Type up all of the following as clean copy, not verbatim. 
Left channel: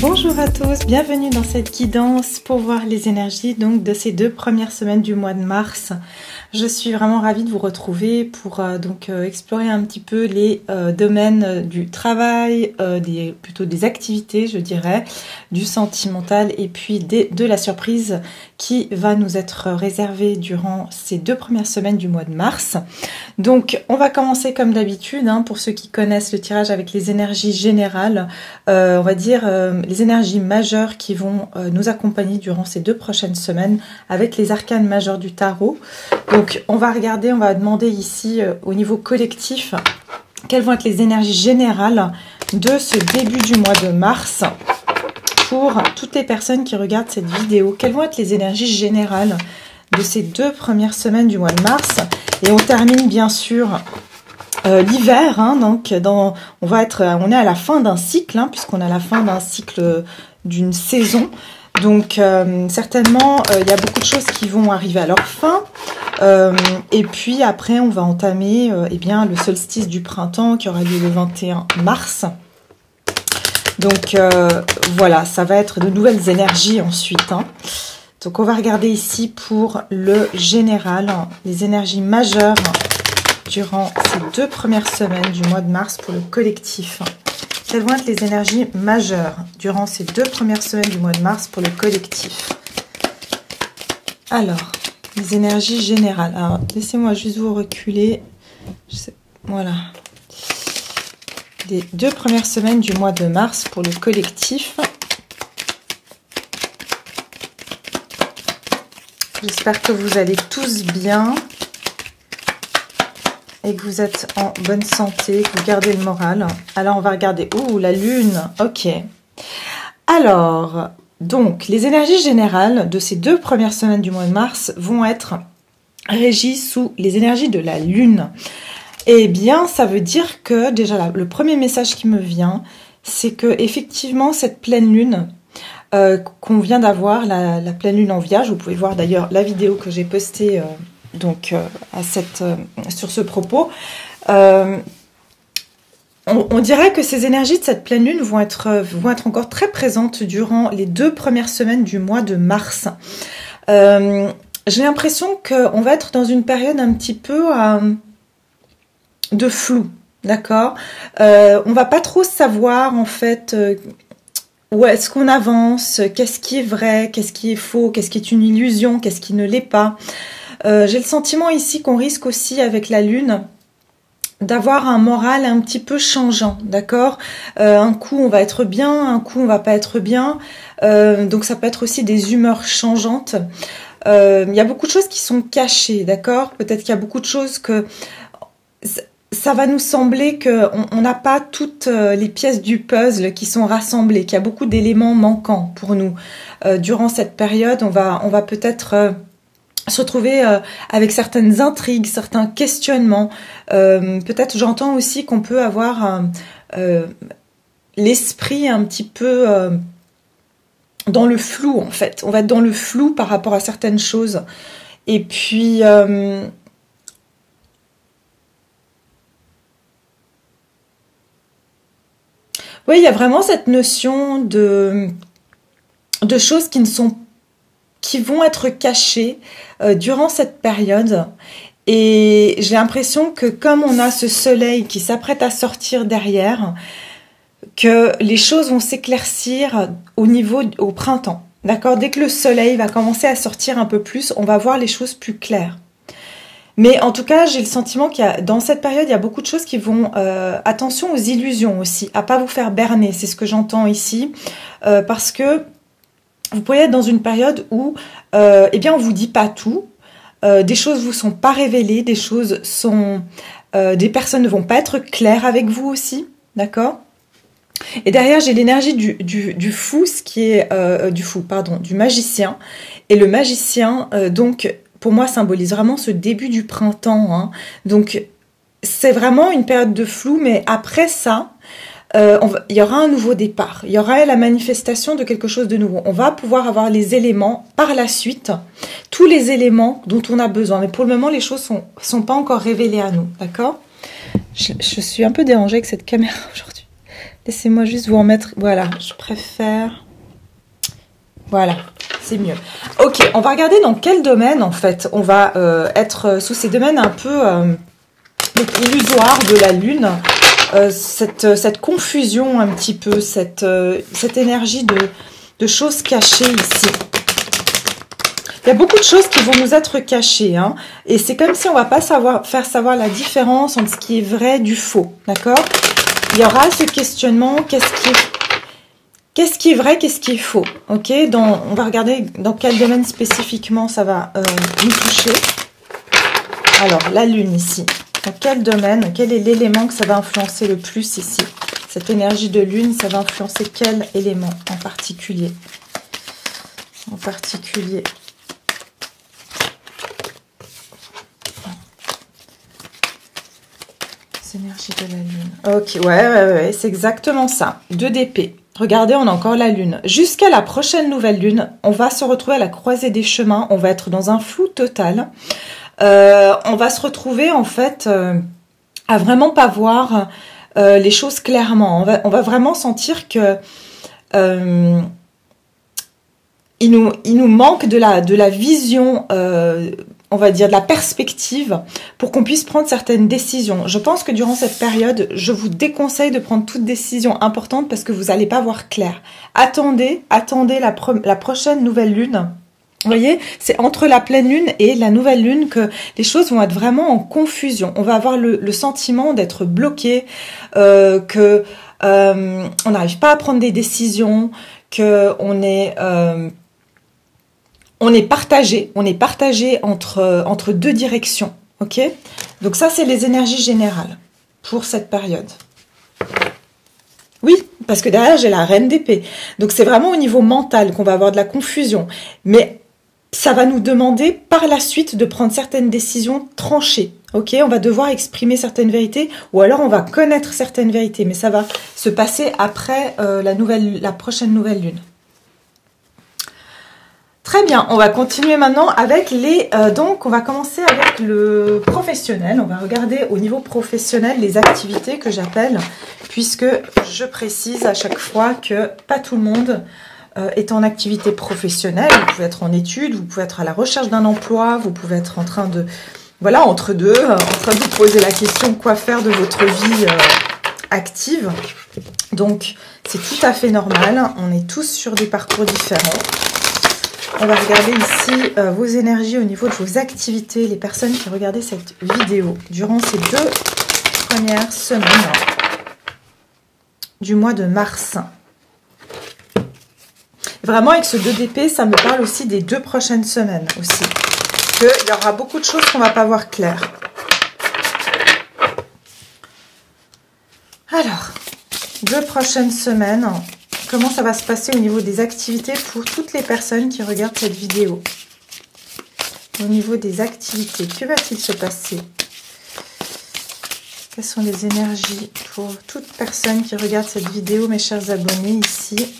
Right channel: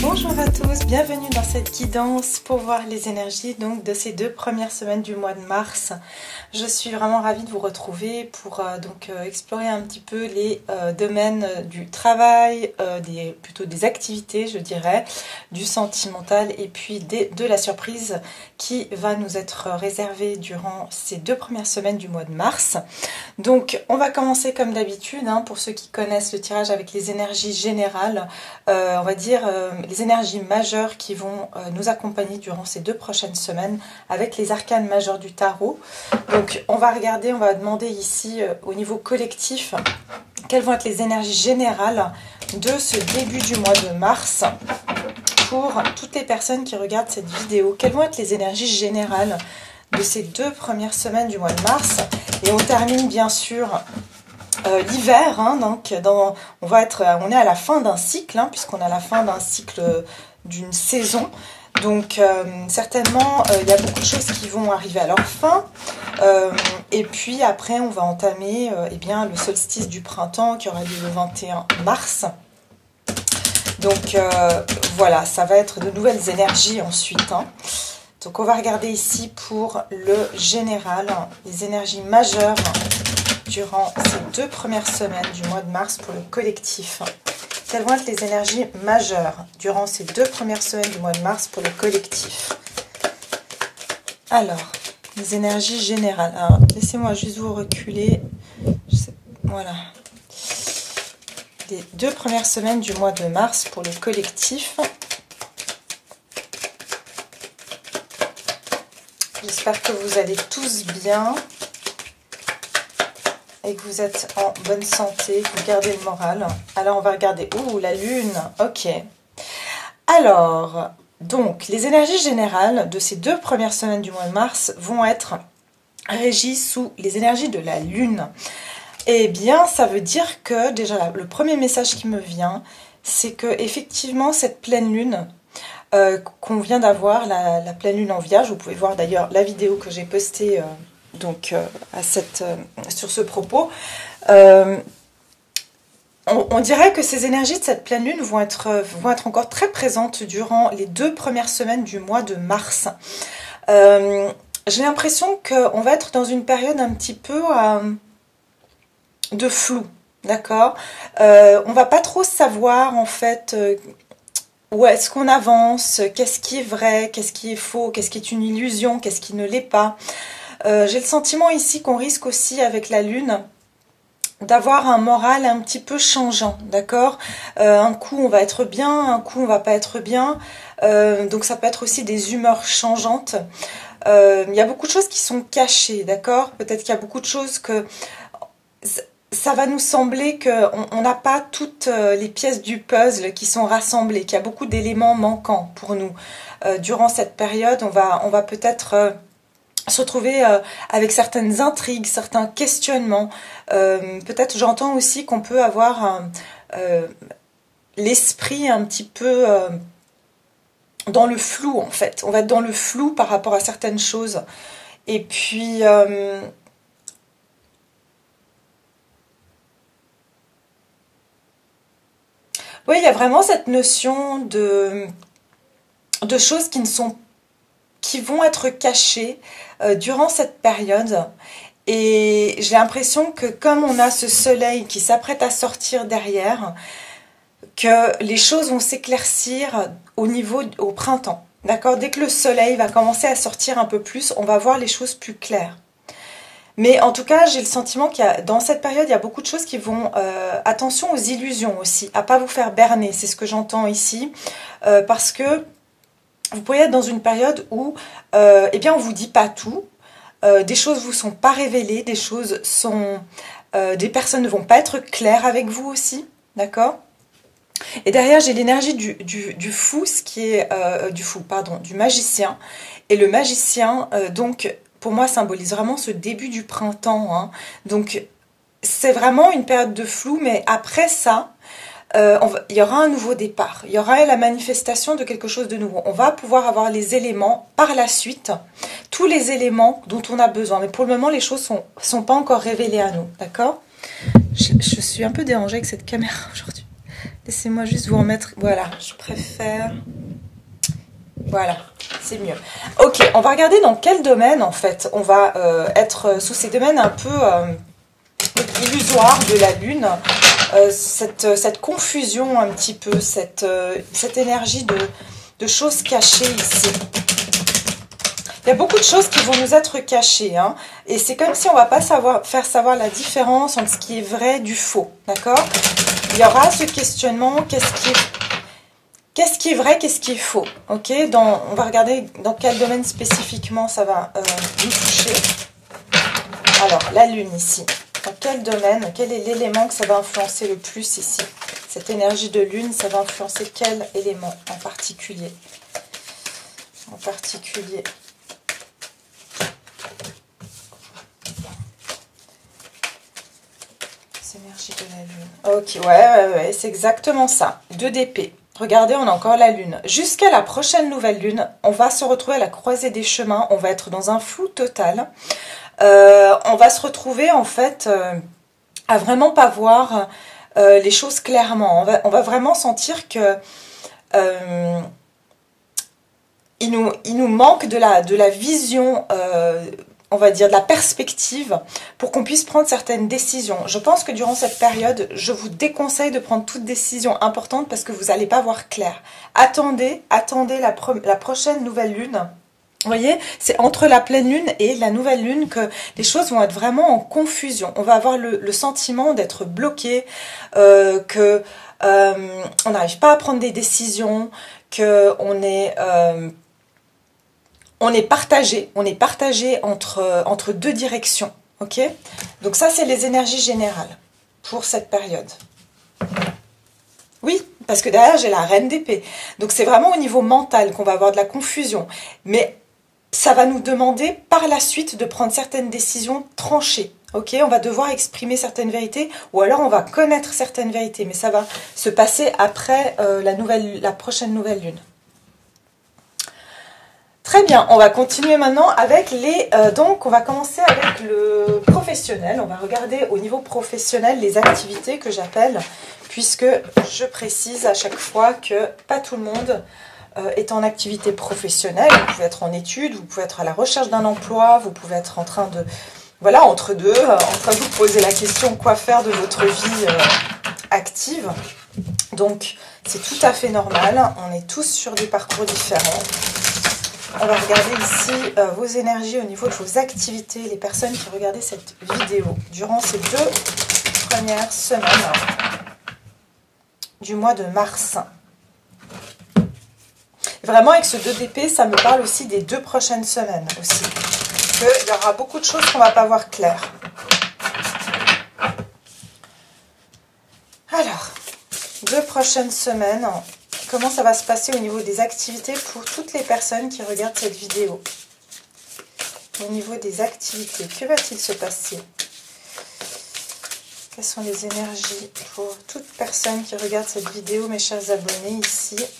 Bonjour à tous, bienvenue dans cette guidance pour voir les énergies donc de ces 2 premières semaines du mois de mars. Je suis vraiment ravie de vous retrouver pour explorer un petit peu les domaines du travail, plutôt des activités je dirais, du sentimental et puis de la surprise qui va nous être réservée durant ces 2 premières semaines du mois de mars. Donc on va commencer comme d'habitude, pour ceux qui connaissent le tirage avec les énergies générales, on va dire les énergies majeures qui vont nous accompagner durant ces 2 prochaines semaines avec les arcanes majeures du tarot. Donc on va regarder, on va demander ici au niveau collectif quelles vont être les énergies générales de ce début du mois de mars pour toutes les personnes qui regardent cette vidéo. Quelles vont être les énergies générales de ces 2 premières semaines du mois de mars. Et on termine bien sûr l'hiver, donc on est à la fin d'un cycle, puisqu'on est à la fin d'un cycle d'une saison. Donc certainement il y a beaucoup de choses qui vont arriver à leur fin. Et puis après on va entamer le solstice du printemps qui aura lieu le 21 mars. Donc voilà, ça va être de nouvelles énergies ensuite. Donc on va regarder ici pour le général, les énergies majeures durant ces 2 premières semaines du mois de mars pour le collectif. Quelles vont être les énergies majeures durant ces 2 premières semaines du mois de mars pour le collectif? Alors, les énergies générales. Alors, laissez-moi juste vous reculer. Voilà. Les 2 premières semaines du mois de mars pour le collectif. J'espère que vous allez tous bien et que vous êtes en bonne santé, que vous gardez le moral. Alors, on va regarder. Ouh, la lune. Ok. Alors, donc, les énergies générales de ces 2 premières semaines du mois de mars vont être régies sous les énergies de la lune. Eh bien, ça veut dire que, déjà, le premier message qui me vient, c'est que effectivement cette pleine lune qu'on vient d'avoir, la pleine lune en Vierge, vous pouvez voir d'ailleurs la vidéo que j'ai postée sur ce propos, on dirait que ces énergies de cette pleine lune vont être encore très présentes durant les 2 premières semaines du mois de mars. J'ai l'impression qu'on va être dans une période un petit peu de flou, d'accord. On va pas trop savoir en fait où est-ce qu'on avance, qu'est-ce qui est vrai, qu'est-ce qui est faux, qu'est-ce qui est une illusion, qu'est-ce qui ne l'est pas. J'ai le sentiment ici qu'on risque aussi avec la lune d'avoir un moral un petit peu changeant, d'accord. Un coup on va être bien, un coup on va pas être bien, donc ça peut être aussi des humeurs changeantes. Il y a beaucoup de choses qui sont cachées, d'accord. Peut-être qu'il y a beaucoup de choses que ça va nous sembler qu'on n'a pas toutes les pièces du puzzle qui sont rassemblées, qu'il y a beaucoup d'éléments manquants pour nous. Durant cette période, on va peut-être se retrouver avec certaines intrigues, certains questionnements. Peut-être j'entends aussi qu'on peut avoir l'esprit un petit peu dans le flou en fait. On va être dans le flou par rapport à certaines choses. Et puis oui, il y a vraiment cette notion de choses qui vont être cachées durant cette période. Et j'ai l'impression que comme on a ce soleil qui s'apprête à sortir derrière, que les choses vont s'éclaircir au printemps. D'accord? Dès que le soleil va commencer à sortir un peu plus, on va voir les choses plus claires. Mais en tout cas, j'ai le sentiment dans cette période, il y a beaucoup de choses qui vont... attention aux illusions aussi, à pas vous faire berner, c'est ce que j'entends ici. Parce que vous pourriez être dans une période où on vous dit pas tout. Des choses vous sont pas révélées, des personnes ne vont pas être claires avec vous aussi, d'accord? Et derrière, j'ai l'énergie du fou, du magicien. Et le magicien, donc, pour moi, symbolise vraiment ce début du printemps, hein. Donc, c'est vraiment une période de flou, mais après ça, il y aura un nouveau départ. Il y aura la manifestation de quelque chose de nouveau. On va pouvoir avoir les éléments par la suite, tous les éléments dont on a besoin. Mais pour le moment, les choses sont pas encore révélées à nous, d'accord? Je suis un peu dérangée avec cette caméra aujourd'hui. Laissez-moi juste vous en mettre. Voilà, je préfère. Voilà, c'est mieux. Ok, on va regarder dans quel domaine, en fait, on va être sous ces domaines un peu illusoires de la Lune. Cette confusion un petit peu, cette énergie de choses cachées ici. Il y a beaucoup de choses qui vont nous être cachées, hein, et c'est comme si on va pas faire savoir la différence entre ce qui est vrai du faux, d'accord? Il y aura ce questionnement, qu'est-ce qui est vrai, qu'est-ce qui est faux, ok? On va regarder dans quel domaine spécifiquement ça va nous toucher. Alors, la Lune ici. Dans quel domaine, quel est l'élément que ça va influencer le plus ici? Cette énergie de Lune, ça va influencer quel élément en particulier? En particulier. Les énergies de la Lune. Ok, ouais, c'est exactement ça. 2 d'épée. Regardez, on a encore la Lune. Jusqu'à la prochaine nouvelle Lune, on va se retrouver à la croisée des chemins. On va être dans un flou total. On va se retrouver en fait à vraiment pas voir les choses clairement. On va vraiment sentir que il nous manque de la vision, on va dire de la perspective pour qu'on puisse prendre certaines décisions. Je pense que durant cette période, je vous déconseille de prendre toute décision importante parce que vous n'allez pas voir clair. Attendez la prochaine nouvelle Lune. Vous voyez, c'est entre la pleine lune et la nouvelle lune que les choses vont être vraiment en confusion. On va avoir le sentiment d'être bloqué, que on n'arrive pas à prendre des décisions, que on est partagé entre 2 directions. Ok? Donc ça, c'est les énergies générales pour cette période. Oui, parce que derrière, j'ai la reine d'épée. Donc c'est vraiment au niveau mental qu'on va avoir de la confusion. Mais ça va nous demander par la suite de prendre certaines décisions tranchées. Ok, on va devoir exprimer certaines vérités ou alors on va connaître certaines vérités. Mais ça va se passer après la prochaine nouvelle lune. Très bien, on va continuer maintenant avec donc on va commencer avec le professionnel. On va regarder au niveau professionnel les activités que j'appelle, puisque je précise à chaque fois que pas tout le monde est en activité professionnelle. Vous pouvez être en études, vous pouvez être à la recherche d'un emploi, vous pouvez être en train de, voilà, entre deux, en train de vous poser la question quoi faire de votre vie active. Donc, c'est tout à fait normal. On est tous sur des parcours différents. On va regarder ici vos énergies au niveau de vos activités, les personnes qui regardaient cette vidéo durant ces 2 premières semaines du mois de mars. Vraiment, avec ce 2 d'épée, ça me parle aussi des 2 prochaines semaines aussi. Qu'il y aura beaucoup de choses qu'on ne va pas voir claires. Alors, 2 prochaines semaines, comment ça va se passer au niveau des activités pour toutes les personnes qui regardent cette vidéo? Au niveau des activités, que va-t-il se passer? Quelles sont les énergies pour toute personne qui regarde cette vidéo, mes chers abonnés, ici?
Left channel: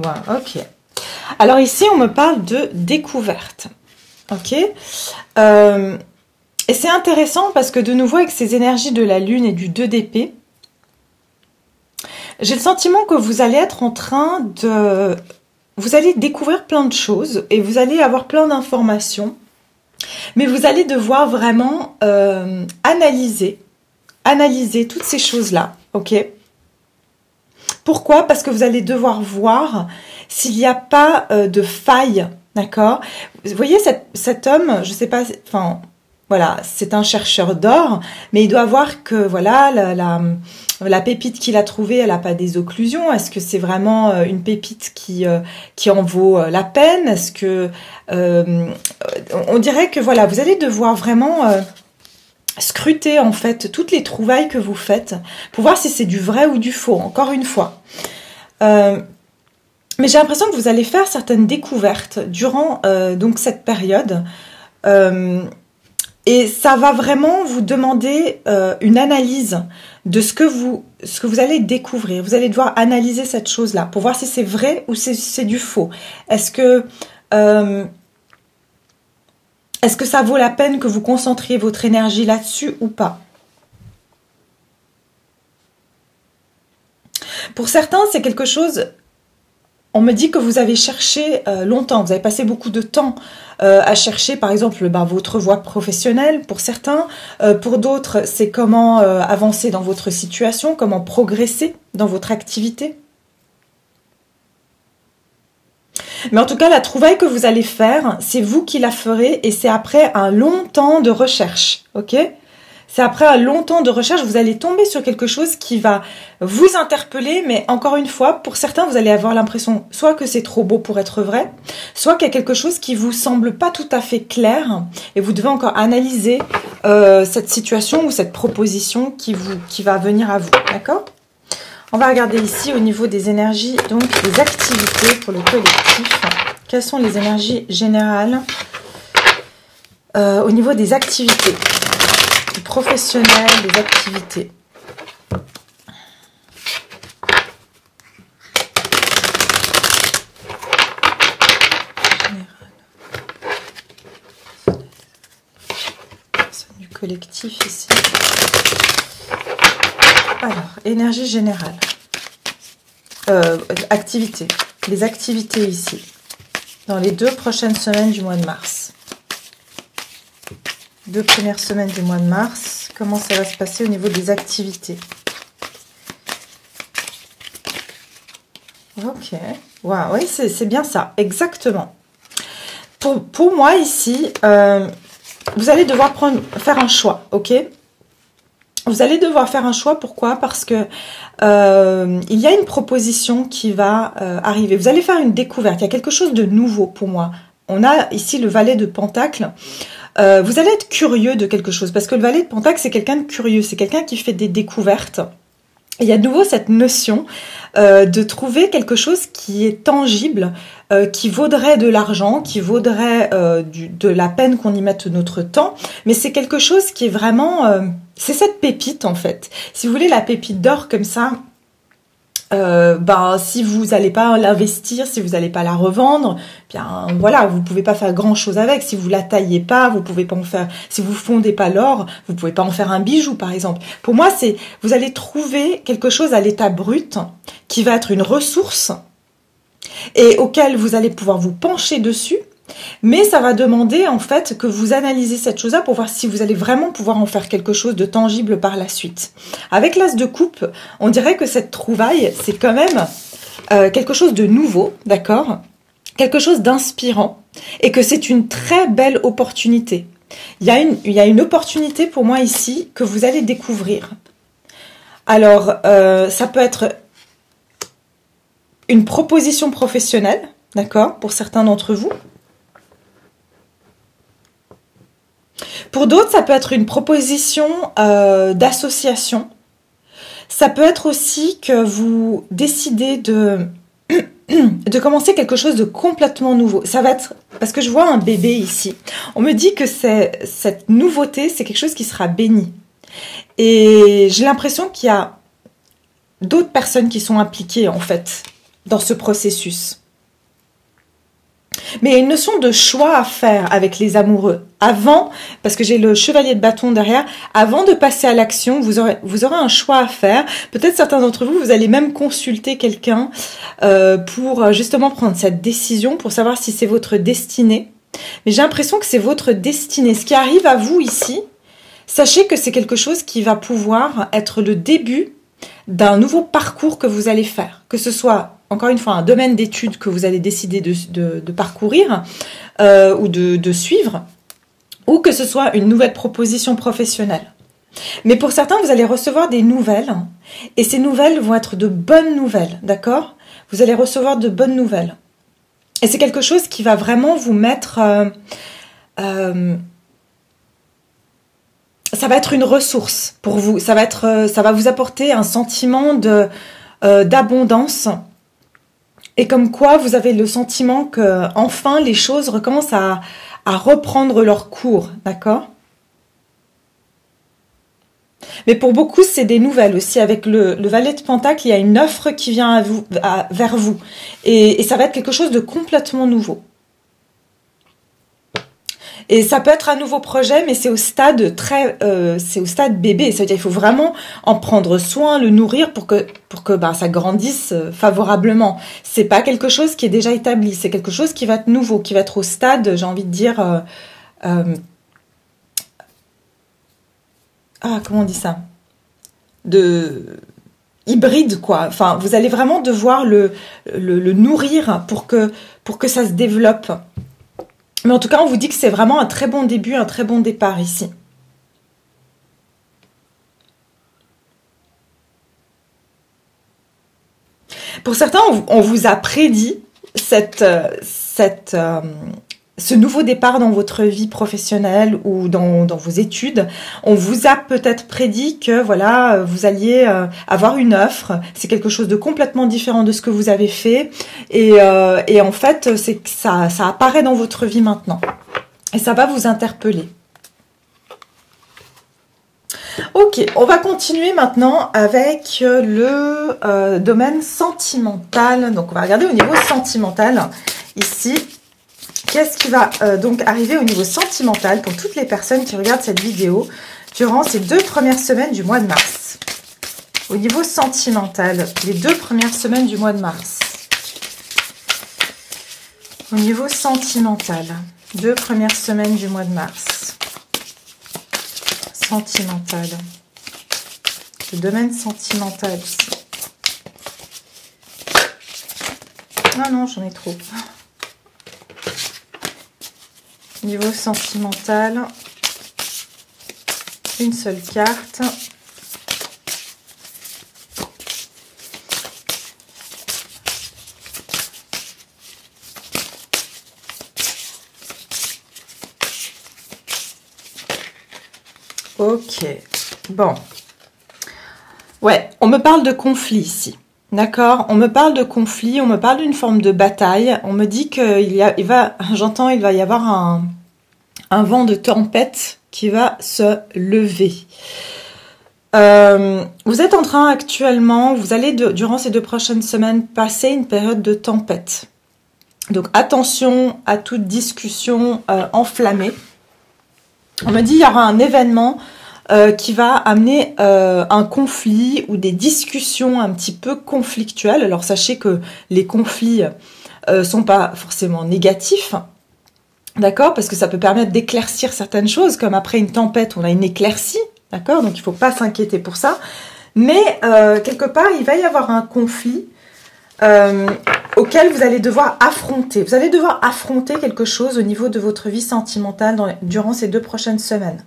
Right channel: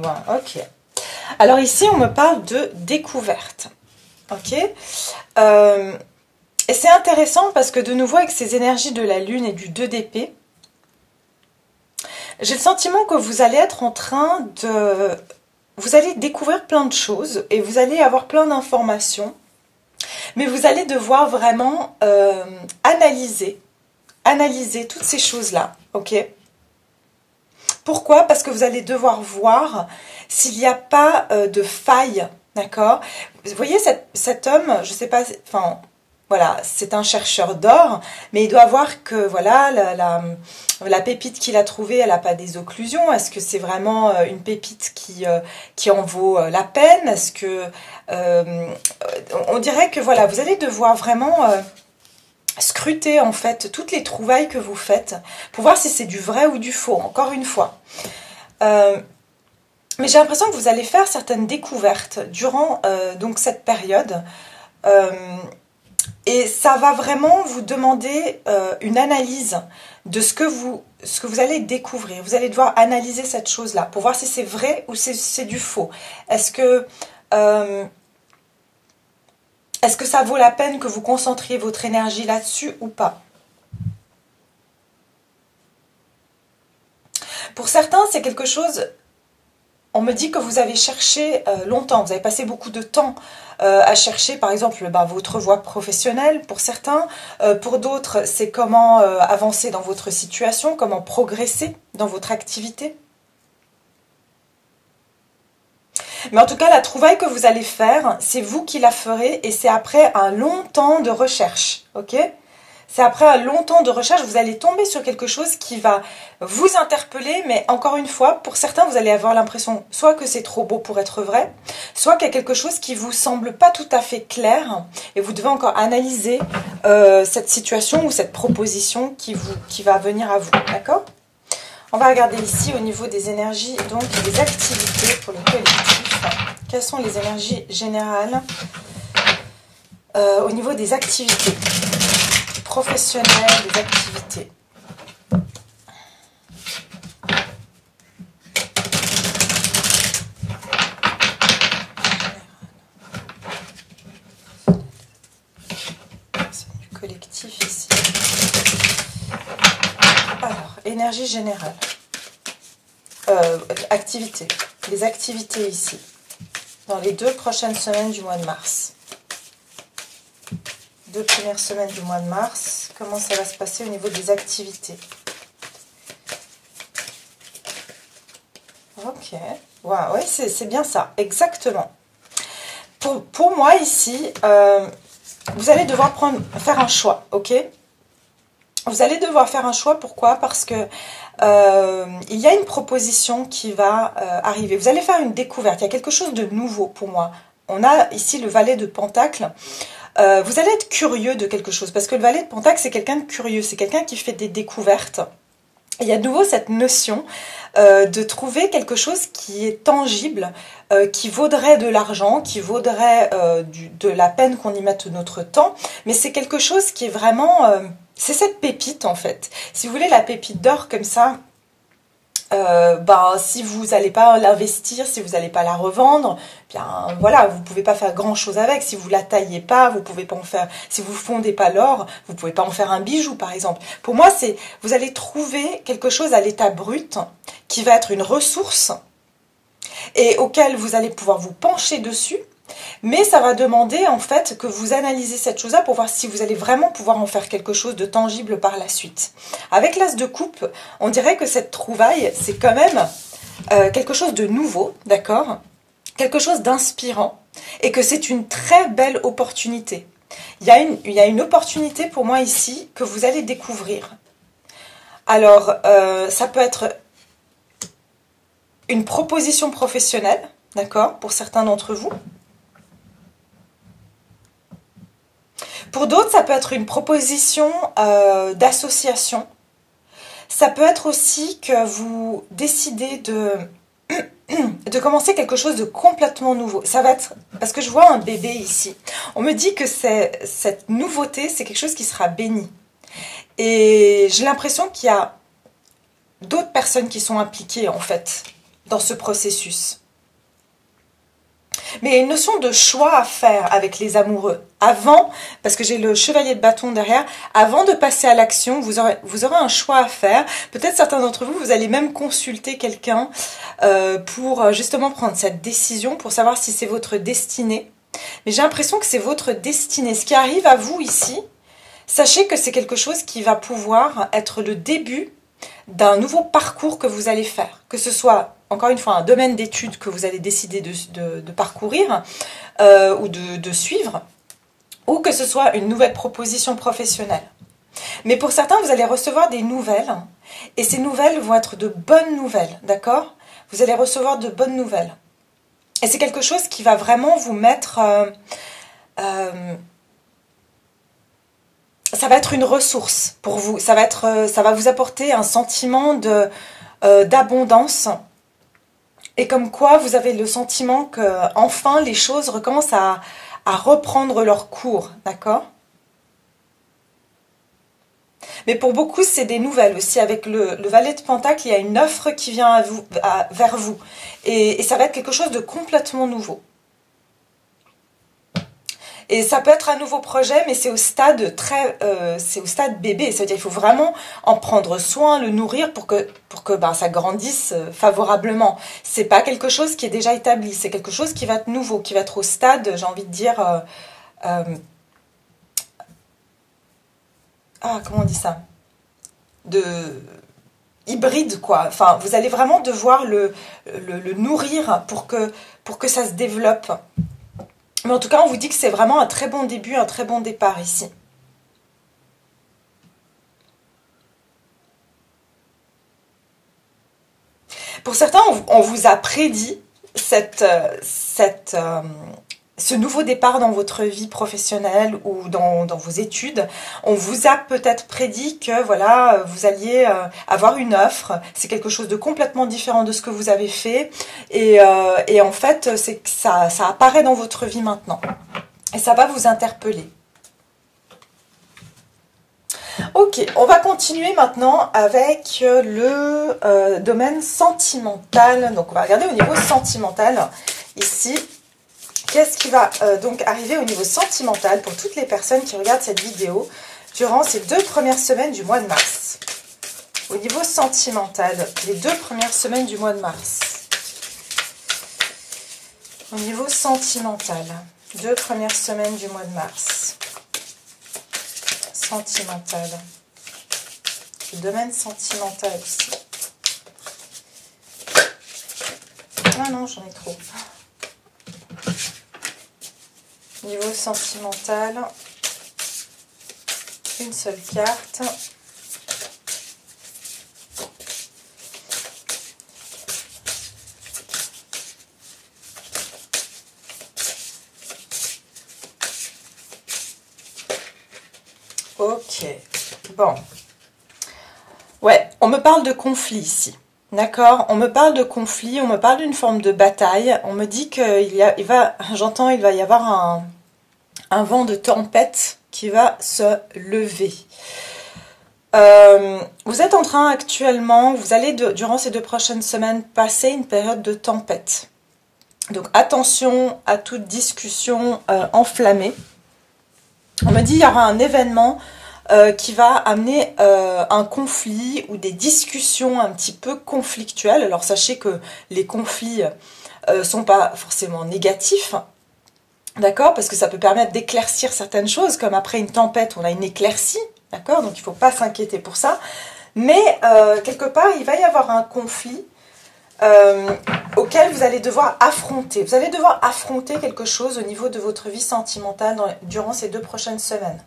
Voilà, ok. Alors ici, on me parle de découverte. Ok. Et c'est intéressant parce que de nouveau, avec ces énergies de la Lune et du 2 d'épée, j'ai le sentiment que vous allez être en train de... Vous allez découvrir plein de choses et vous allez avoir plein d'informations. Mais vous allez devoir vraiment analyser toutes ces choses-là. Ok. Pourquoi? Parce que vous allez devoir voir s'il n'y a pas de faille, d'accord? Vous voyez cet homme, je sais pas, enfin, voilà, c'est un chercheur d'or, mais il doit voir que, voilà, la pépite qu'il a trouvée, elle n'a pas des occlusions. Est-ce que c'est vraiment une pépite qui en vaut la peine? Est-ce que, on dirait que, voilà, vous allez devoir vraiment scruter en fait toutes les trouvailles que vous faites pour voir si c'est du vrai ou du faux, encore une fois. Mais j'ai l'impression que vous allez faire certaines découvertes durant donc cette période. Et ça va vraiment vous demander une analyse de ce que vous allez découvrir. Vous allez devoir analyser cette chose-là pour voir si c'est vrai ou si c'est du faux. Est-ce que ça vaut la peine que vous concentriez votre énergie là-dessus ou pas? Pour certains, c'est quelque chose... On me dit que vous avez cherché longtemps, vous avez passé beaucoup de temps à chercher, par exemple, votre voie professionnelle pour certains. Pour d'autres, c'est comment avancer dans votre situation, comment progresser dans votre activité. Mais en tout cas, la trouvaille que vous allez faire, c'est vous qui la ferez et c'est après un long temps de recherche, ok ? C'est après un long temps de recherche, vous allez tomber sur quelque chose qui va vous interpeller, mais encore une fois, pour certains, vous allez avoir l'impression soit que c'est trop beau pour être vrai, soit qu'il y a quelque chose qui vous semble pas tout à fait clair, et vous devez encore analyser cette situation ou cette proposition qui va venir à vous, d'accord ? On va regarder ici au niveau des énergies, donc des activités pour le collectif. Quelles sont les énergies générales au niveau des activités ? Professionnel, des activités. Personne du collectif ici. Alors, énergie générale. Activités. Les activités ici. Dans les 2 prochaines semaines du mois de mars. 2 premières semaines du mois de mars, comment ça va se passer au niveau des activités? Ok, wow, oui, c'est bien ça, exactement. Pour moi ici, vous allez devoir faire un choix, ok? Vous allez devoir faire un choix, pourquoi? Parce que il y a une proposition qui va arriver. Vous allez faire une découverte, il y a quelque chose de nouveau pour moi. On a ici le valet de Pentacle. Vous allez être curieux de quelque chose, parce que le valet de Pentacle, c'est quelqu'un de curieux, c'est quelqu'un qui fait des découvertes. Et il y a de nouveau cette notion de trouver quelque chose qui est tangible, qui vaudrait de l'argent, qui vaudrait de la peine qu'on y mette notre temps, mais c'est quelque chose qui est vraiment... c'est cette pépite, en fait. Si vous voulez, la pépite d'or comme ça... si vous n'allez pas l'investir, si vous n'allez pas la revendre, bien voilà, vous pouvez pas faire grand chose avec. Si vous la taillez pas, vous pouvez pas en faire. Si vous fondez pas l'or, vous pouvez pas en faire un bijou, par exemple. Pour moi, c'est vous allez trouver quelque chose à l'état brut qui va être une ressource et auquel vous allez pouvoir vous pencher dessus. Mais ça va demander en fait que vous analysez cette chose-là pour voir si vous allez vraiment pouvoir en faire quelque chose de tangible par la suite. Avec l'as de coupe, on dirait que cette trouvaille, c'est quand même quelque chose de nouveau, d'accord ? Quelque chose d'inspirant et que c'est une très belle opportunité. Il y a une opportunité pour moi ici que vous allez découvrir. Alors, ça peut être une proposition professionnelle, d'accord, pour certains d'entre vous. Pour d'autres, ça peut être une proposition d'association. Ça peut être aussi que vous décidez de commencer quelque chose de complètement nouveau. Ça va être... Parce que je vois un bébé ici. On me dit que cette nouveauté, c'est quelque chose qui sera béni. Et j'ai l'impression qu'il y a d'autres personnes qui sont impliquées, en fait, dans ce processus. Mais il y a une notion de choix à faire avec les amoureux. Avant, parce que j'ai le chevalier de bâton derrière, avant de passer à l'action, vous aurez un choix à faire. Peut-être certains d'entre vous, vous allez même consulter quelqu'un pour justement prendre cette décision, pour savoir si c'est votre destinée. Mais j'ai l'impression que c'est votre destinée. Ce qui arrive à vous ici, sachez que c'est quelque chose qui va pouvoir être le début d'un nouveau parcours que vous allez faire. Que ce soit... encore une fois, un domaine d'études que vous allez décider de parcourir ou de suivre, ou que ce soit une nouvelle proposition professionnelle. Mais pour certains, vous allez recevoir des nouvelles, et ces nouvelles vont être de bonnes nouvelles, d'accord ? Vous allez recevoir de bonnes nouvelles. Et c'est quelque chose qui va vraiment vous mettre... ça va être une ressource pour vous. Ça va vous apporter un sentiment d'abondance. Et comme quoi, vous avez le sentiment que enfin les choses recommencent à reprendre leur cours, d'accord? Mais pour beaucoup, c'est des nouvelles aussi. Avec le valet de Pentacle, il y a une offre qui vient vers vous. Et ça va être quelque chose de complètement nouveau. Et ça peut être un nouveau projet, mais c'est au stade c'est au stade bébé. C'est-à-dire qu'il faut vraiment en prendre soin, le nourrir pour que ça grandisse favorablement. C'est pas quelque chose qui est déjà établi. C'est quelque chose qui va être nouveau, qui va être au stade, j'ai envie de dire, comment on dit ça? De hybride, quoi. Enfin, vous allez vraiment devoir le nourrir pour que ça se développe. Mais en tout cas, on vous dit que c'est vraiment un très bon début, un très bon départ ici. Pour certains, on vous a prédit ce nouveau départ dans votre vie professionnelle ou dans vos études. On vous a peut-être prédit que voilà, vous alliez avoir une offre. C'est quelque chose de complètement différent de ce que vous avez fait. Et en fait, c'est que ça apparaît dans votre vie maintenant. Et ça va vous interpeller. Ok, on va continuer maintenant avec le domaine sentimental. Donc, on va regarder au niveau sentimental ici. Qu'est-ce qui va donc arriver au niveau sentimental pour toutes les personnes qui regardent cette vidéo durant ces 2 premières semaines du mois de mars? Au niveau sentimental, les 2 premières semaines du mois de mars. Au niveau sentimental, 2 premières semaines du mois de mars. Sentimental. Le domaine sentimental ici. Ah non, j'en ai trop. Niveau sentimental, une seule carte. Ok, bon. Ouais, on me parle de conflit ici. D'accord, on me parle de conflit, on me parle d'une forme de bataille. On me dit j'entends, il va y avoir un vent de tempête qui va se lever. Vous êtes en train actuellement, vous allez durant ces 2 prochaines semaines passer une période de tempête. Donc attention à toute discussion enflammée. On me dit il y aura un événement qui va amener un conflit ou des discussions un petit peu conflictuelles. Alors sachez que les conflits sont pas forcément négatifs, d'accord, parce que ça peut permettre d'éclaircir certaines choses, comme après une tempête, on a une éclaircie, d'accord, donc il ne faut pas s'inquiéter pour ça. Mais quelque part, il va y avoir un conflit auquel vous allez devoir affronter. Vous allez devoir affronter quelque chose au niveau de votre vie sentimentale durant ces 2 prochaines semaines.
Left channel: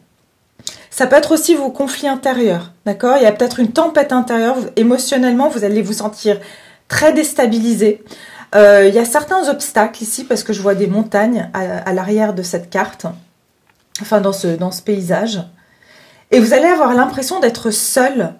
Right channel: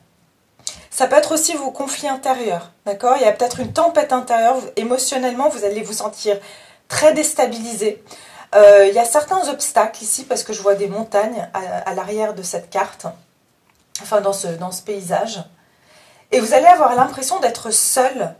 Ça peut être aussi vos conflits intérieurs, d'accord? Il y a peut-être une tempête intérieure. Émotionnellement, vous allez vous sentir très déstabilisé. Il y a certains obstacles ici, parce que je vois des montagnes à l'arrière de cette carte, enfin dans ce paysage. Et vous allez avoir l'impression d'être seul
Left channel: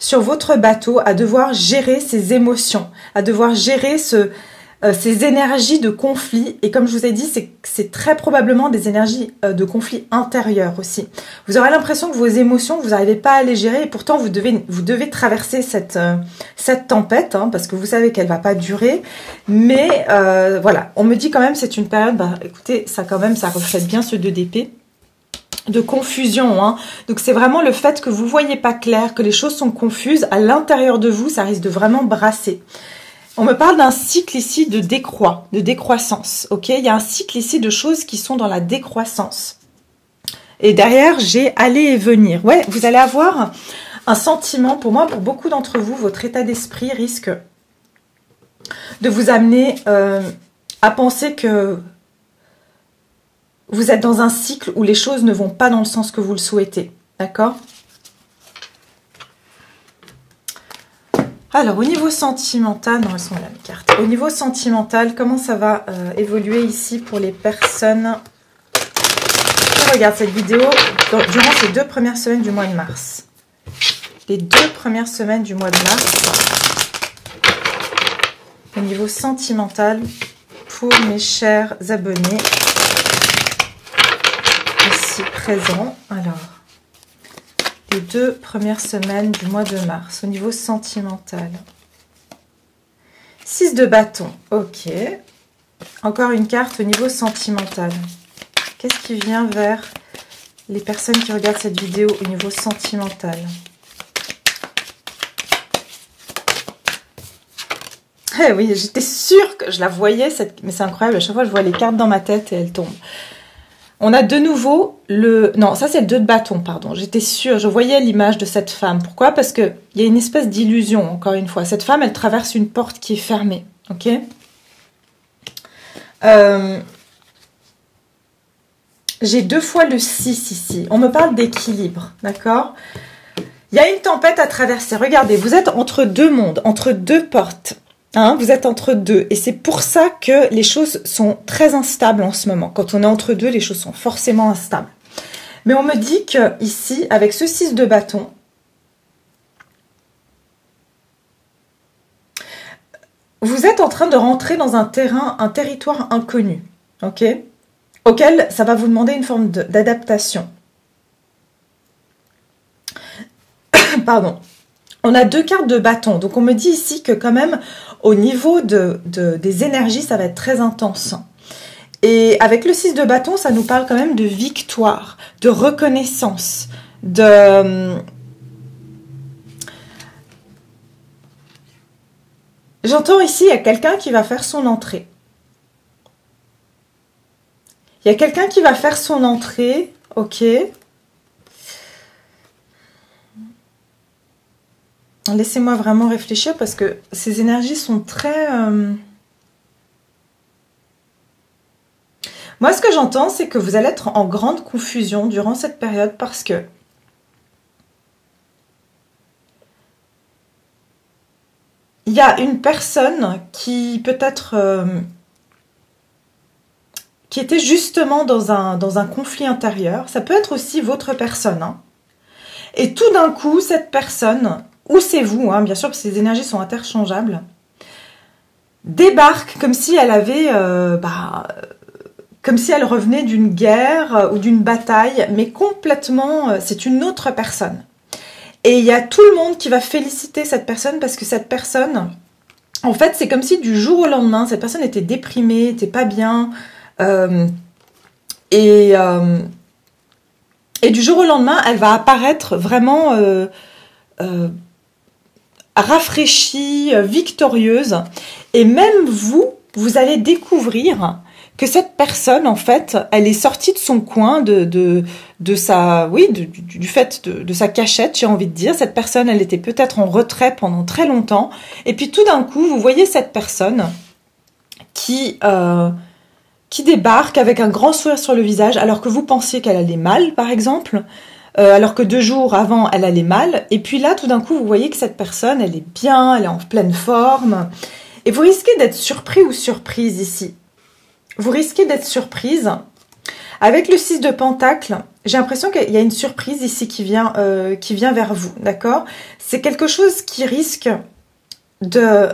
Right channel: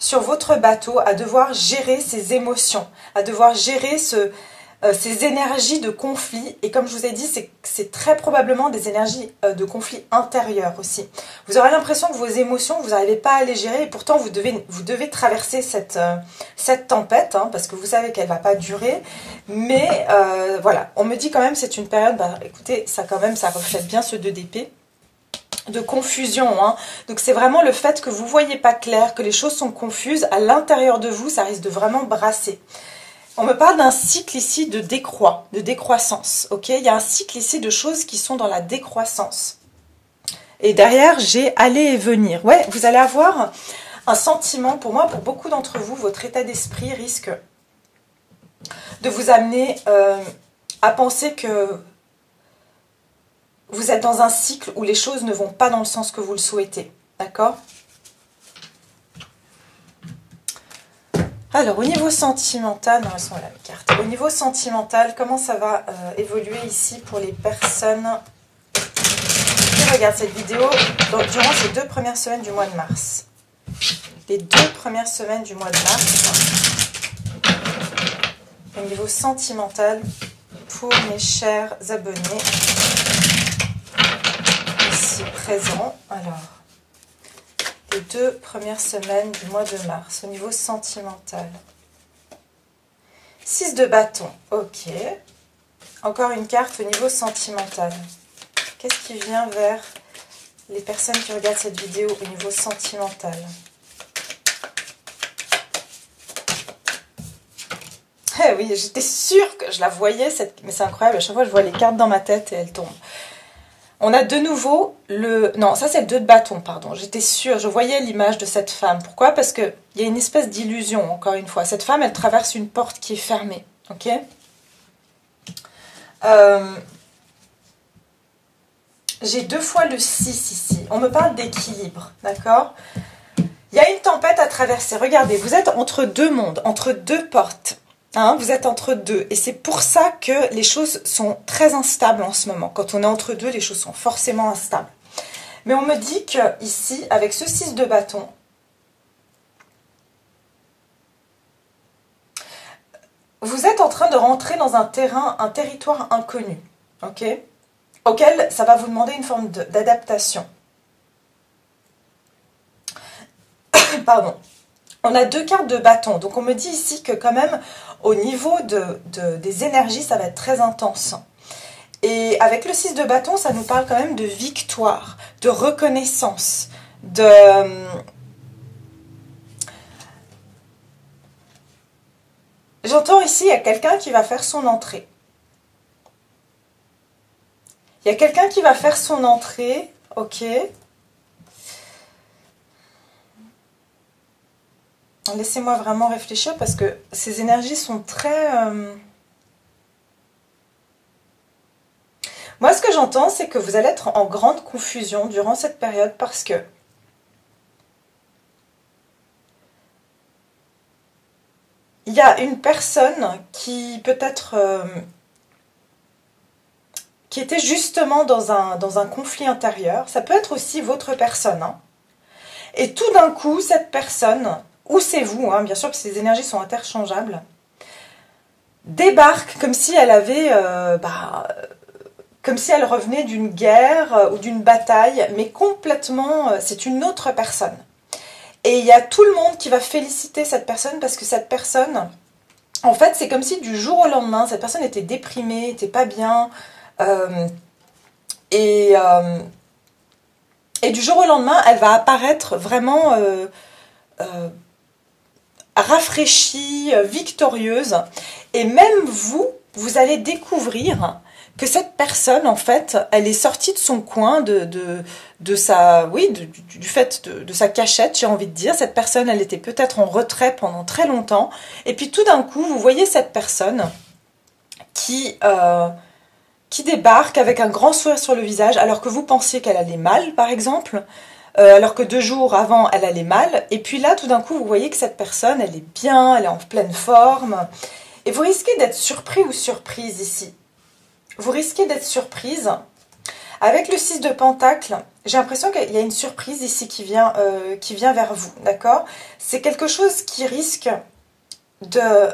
sur votre bateau, à devoir gérer ces émotions, à devoir gérer ces énergies de conflit. Et comme je vous ai dit, c'est très probablement des énergies de conflit intérieur aussi. Vous aurez l'impression que vos émotions, vous n'arrivez pas à les gérer, et pourtant vous devez traverser cette tempête, hein, parce que vous savez qu'elle va pas durer. Mais voilà, on me dit quand même c'est une période, écoutez, ça reflète bien ce 2 d'épée, de confusion, hein. Donc c'est vraiment le fait que vous voyez pas clair, que les choses sont confuses à l'intérieur de vous, ça risque de vraiment brasser. On me parle d'un cycle ici de décroissance, ok? Il y a un cycle ici de choses qui sont dans la décroissance. Et derrière, j'ai aller et venir. Ouais, vous allez avoir un sentiment, pour moi, pour beaucoup d'entre vous, votre état d'esprit risque de vous amener à penser que vous êtes dans un cycle où les choses ne vont pas dans le sens que vous le souhaitez, d'accord? Alors, au niveau sentimental, non, elles sont là, mes cartes. Au niveau sentimental, comment ça va évoluer ici pour les personnes qui regarde cette vidéo durant ces 2 premières semaines du mois de mars. Les 2 premières semaines du mois de mars, au niveau sentimental, pour mes chers abonnés ici présents. Alors, les 2 premières semaines du mois de mars, au niveau sentimental. 6 de bâton, ok. Encore une carte au niveau sentimental. Qu'est-ce qui vient vers les personnes qui regardent cette vidéo au niveau sentimental? Eh oui, j'étais sûre que je la voyais, mais c'est incroyable, à chaque fois je vois les cartes dans ma tête et elles tombent. On a de nouveau le... Non, ça c'est le 2 de bâton, pardon. J'étais sûre, je voyais l'image de cette femme. Pourquoi? Parce qu'il y a une espèce d'illusion, encore une fois. Cette femme, elle traverse une porte qui est fermée, ok? J'ai 2 fois le 6 ici. On me parle d'équilibre, d'accord? Il y a une tempête à traverser. Regardez, vous êtes entre 2 mondes, entre 2 portes. Hein, vous êtes entre 2 et c'est pour ça que les choses sont très instables en ce moment. Quand on est entre 2, les choses sont forcément instables. Mais on me dit que ici, avec ce 6 de bâton, vous êtes en train de rentrer dans un territoire inconnu, ok, auquel ça va vous demander une forme d'adaptation. Pardon. On a 2 cartes de bâton, donc on me dit ici que quand même, au niveau des énergies, ça va être très intense. Et avec le 6 de bâton, ça nous parle quand même de victoire, de reconnaissance, de... J'entends ici, il y a quelqu'un qui va faire son entrée. Il y a quelqu'un qui va faire son entrée, ok. Laissez-moi vraiment réfléchir parce que ces énergies sont très... Moi, ce que j'entends, c'est que vous allez être en grande confusion durant cette période parce que il y a une personne qui peut-être... qui était justement dans un conflit intérieur. Ça peut être aussi votre personne. Hein. Et tout d'un coup, cette personne... ou c'est vous, hein, bien sûr, parce que ces énergies sont interchangeables, débarque comme si elle avait, comme si elle revenait d'une guerre ou d'une bataille, mais complètement, c'est une autre personne. Et il y a tout le monde qui va féliciter cette personne parce que cette personne, en fait, c'est comme si du jour au lendemain, cette personne était déprimée, était pas bien, et du jour au lendemain, elle va apparaître vraiment... rafraîchie, victorieuse, et même vous allez découvrir que cette personne, en fait, elle est sortie de son coin, de sa, oui, du fait de sa cachette, j'ai envie de dire. Cette personne, elle était peut-être en retrait pendant très longtemps, et puis tout d'un coup, vous voyez cette personne qui débarque avec un grand sourire sur le visage, alors que vous pensiez qu'elle allait mal, par exemple. Alors que 2 jours avant, elle allait mal. Et puis là, tout d'un coup, vous voyez que cette personne, elle est bien, elle est en pleine forme. Et vous risquez d'être surpris ou surprise ici. Vous risquez d'être surprise. Avec le 6 de Pentacle, j'ai l'impression qu'il y a une surprise ici qui vient vers vous, d'accord? C'est quelque chose qui risque de...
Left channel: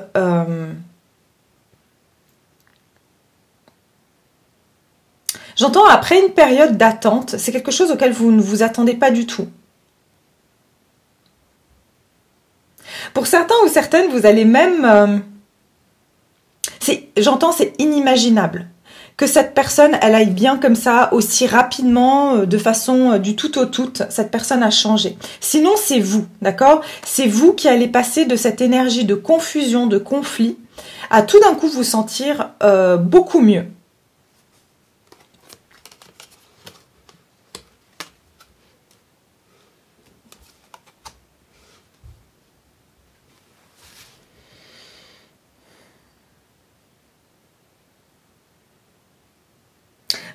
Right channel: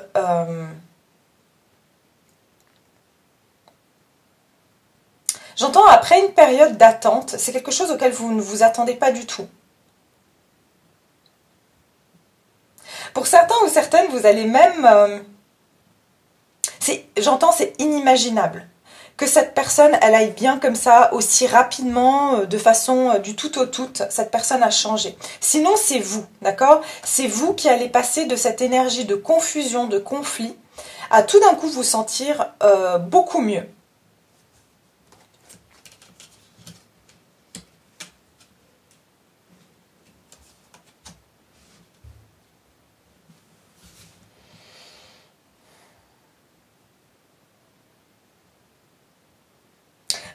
J'entends après une période d'attente, c'est quelque chose auquel vous ne vous attendez pas du tout. Pour certains ou certaines, vous allez même... j'entends, c'est inimaginable que cette personne, elle aille bien comme ça, aussi rapidement, de façon du tout au tout, cette personne a changé. Sinon, c'est vous, d'accord? C'est vous qui allez passer de cette énergie de confusion, de conflit, à tout d'un coup vous sentir beaucoup mieux.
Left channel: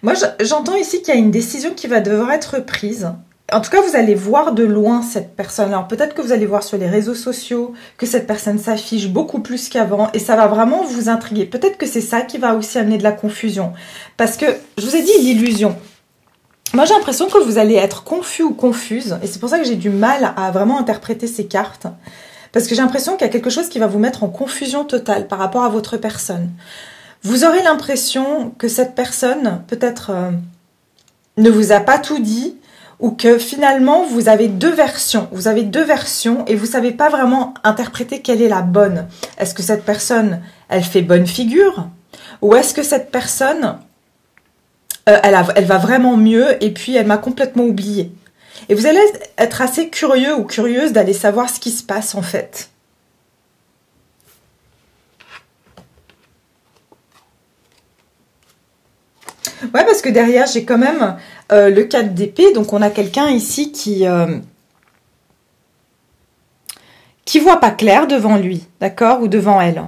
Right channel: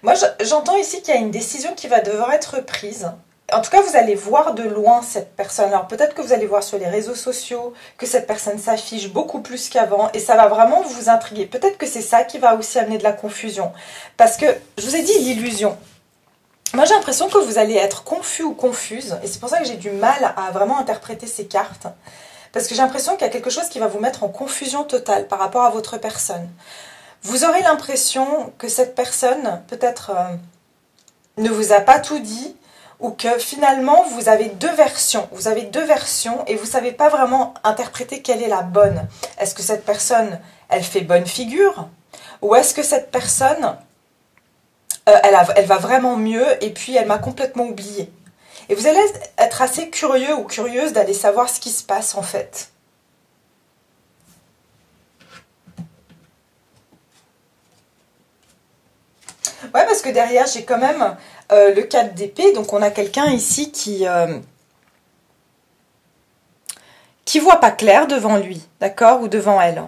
Moi, j'entends ici qu'il y a une décision qui va devoir être prise. En tout cas, vous allez voir de loin cette personne. Alors, peut-être que vous allez voir sur les réseaux sociaux que cette personne s'affiche beaucoup plus qu'avant et ça va vraiment vous intriguer. Peut-être que c'est ça qui va aussi amener de la confusion. Parce que, je vous ai dit, l'illusion. Moi, j'ai l'impression que vous allez être confus ou confuse. Et c'est pour ça que j'ai du mal à vraiment interpréter ces cartes. Parce que j'ai l'impression qu'il y a quelque chose qui va vous mettre en confusion totale par rapport à votre personne. Vous aurez l'impression que cette personne, peut-être, ne vous a pas tout dit, ou que finalement, vous avez deux versions. Vous avez deux versions et vous ne savez pas vraiment interpréter quelle est la bonne. Est-ce que cette personne, elle fait bonne figure? Ou est-ce que cette personne, elle va vraiment mieux et puis elle m'a complètement oublié? Et vous allez être assez curieux ou curieuse d'aller savoir ce qui se passe en fait. Ouais, parce que derrière, j'ai quand même le 4 d'épée. Donc, on a quelqu'un ici qui voit pas clair devant lui, d'accord? Ou devant elle.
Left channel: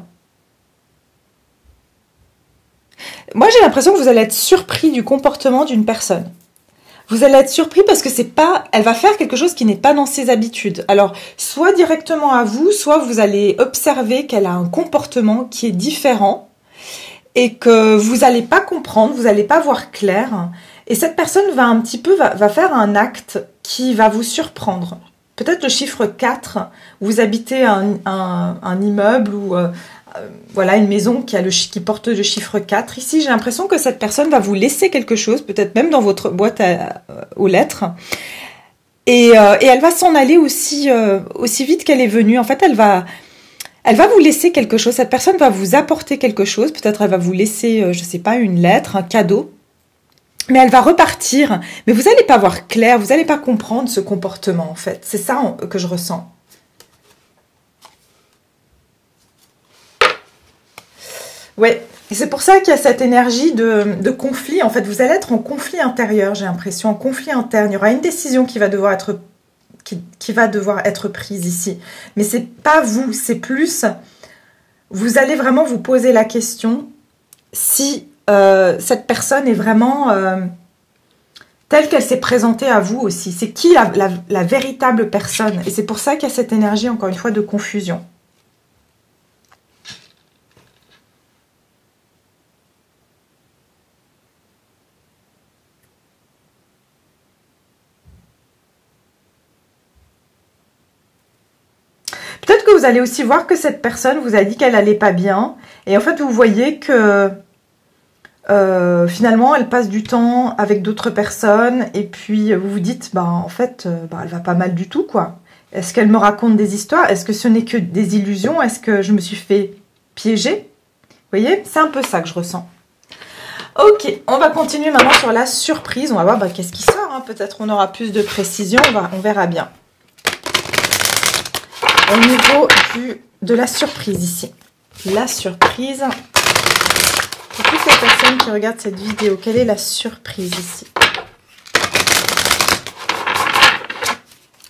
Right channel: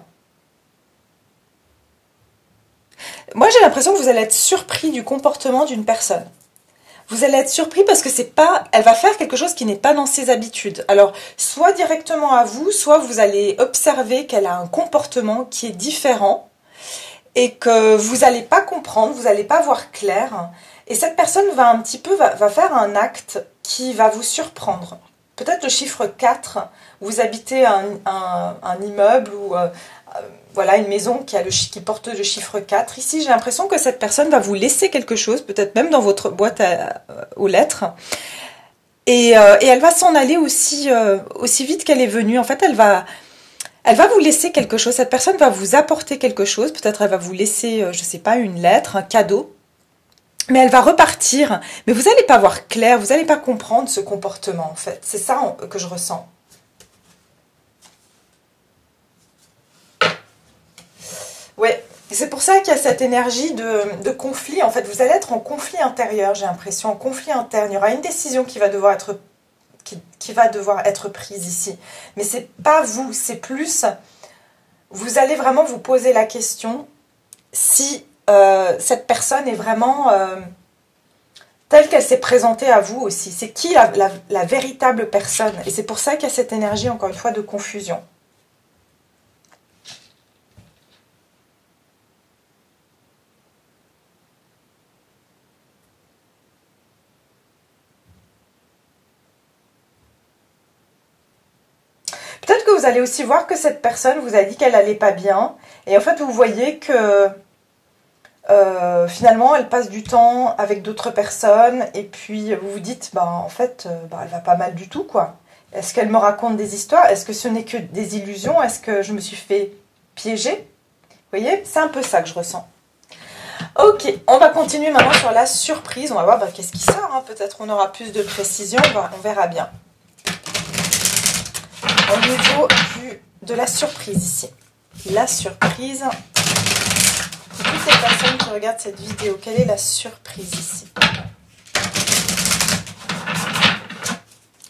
Moi, j'ai l'impression que vous allez être surpris du comportement d'une personne. Vous allez être surpris parce que c'est pas, elle va faire quelque chose qui n'est pas dans ses habitudes. Alors, soit directement à vous, soit vous allez observer qu'elle a un comportement qui est différent et que vous n'allez pas comprendre, vous n'allez pas voir clair. Et cette personne va un petit peu, va faire un acte qui va vous surprendre. Peut-être le chiffre 4, vous habitez un immeuble ou voilà, une maison qui porte le chiffre 4. Ici, j'ai l'impression que cette personne va vous laisser quelque chose, peut-être même dans votre boîte aux lettres. Et elle va s'en aller aussi vite qu'elle est venue. En fait, elle va vous laisser quelque chose. Cette personne va vous apporter quelque chose. Peut-être elle va vous laisser, je sais pas, une lettre, un cadeau. Mais elle va repartir. Mais vous n'allez pas voir clair, vous n'allez pas comprendre ce comportement, en fait. C'est ça que je ressens. Ouais, et c'est pour ça qu'il y a cette énergie de conflit. En fait, vous allez être en conflit intérieur, j'ai l'impression, en conflit interne. Il y aura une décision qui va devoir être prise ici. Mais c'est pas vous, c'est plus... Vous allez vraiment vous poser la question si cette personne est vraiment telle qu'elle s'est présentée à vous aussi. C'est qui la véritable personne? Et c'est pour ça qu'il y a cette énergie, encore une fois, de confusion. Peut-être que vous allez aussi voir que cette personne vous a dit qu'elle allait pas bien. Et en fait, vous voyez que finalement, elle passe du temps avec d'autres personnes. Et puis, vous vous dites, bah, en fait, elle va pas mal du tout, quoi. Est-ce qu'elle me raconte des histoires? Est-ce que ce n'est que des illusions? Est-ce que je me suis fait piéger? Vous voyez, c'est un peu ça que je ressens. Ok, on va continuer maintenant sur la surprise. On va voir qu'est-ce qui sort. Hein. Peut-être on aura plus de précision. On verra bien. Au niveau de la surprise ici. La surprise. Pour toutes les personnes qui regardent cette vidéo, quelle est la surprise ici?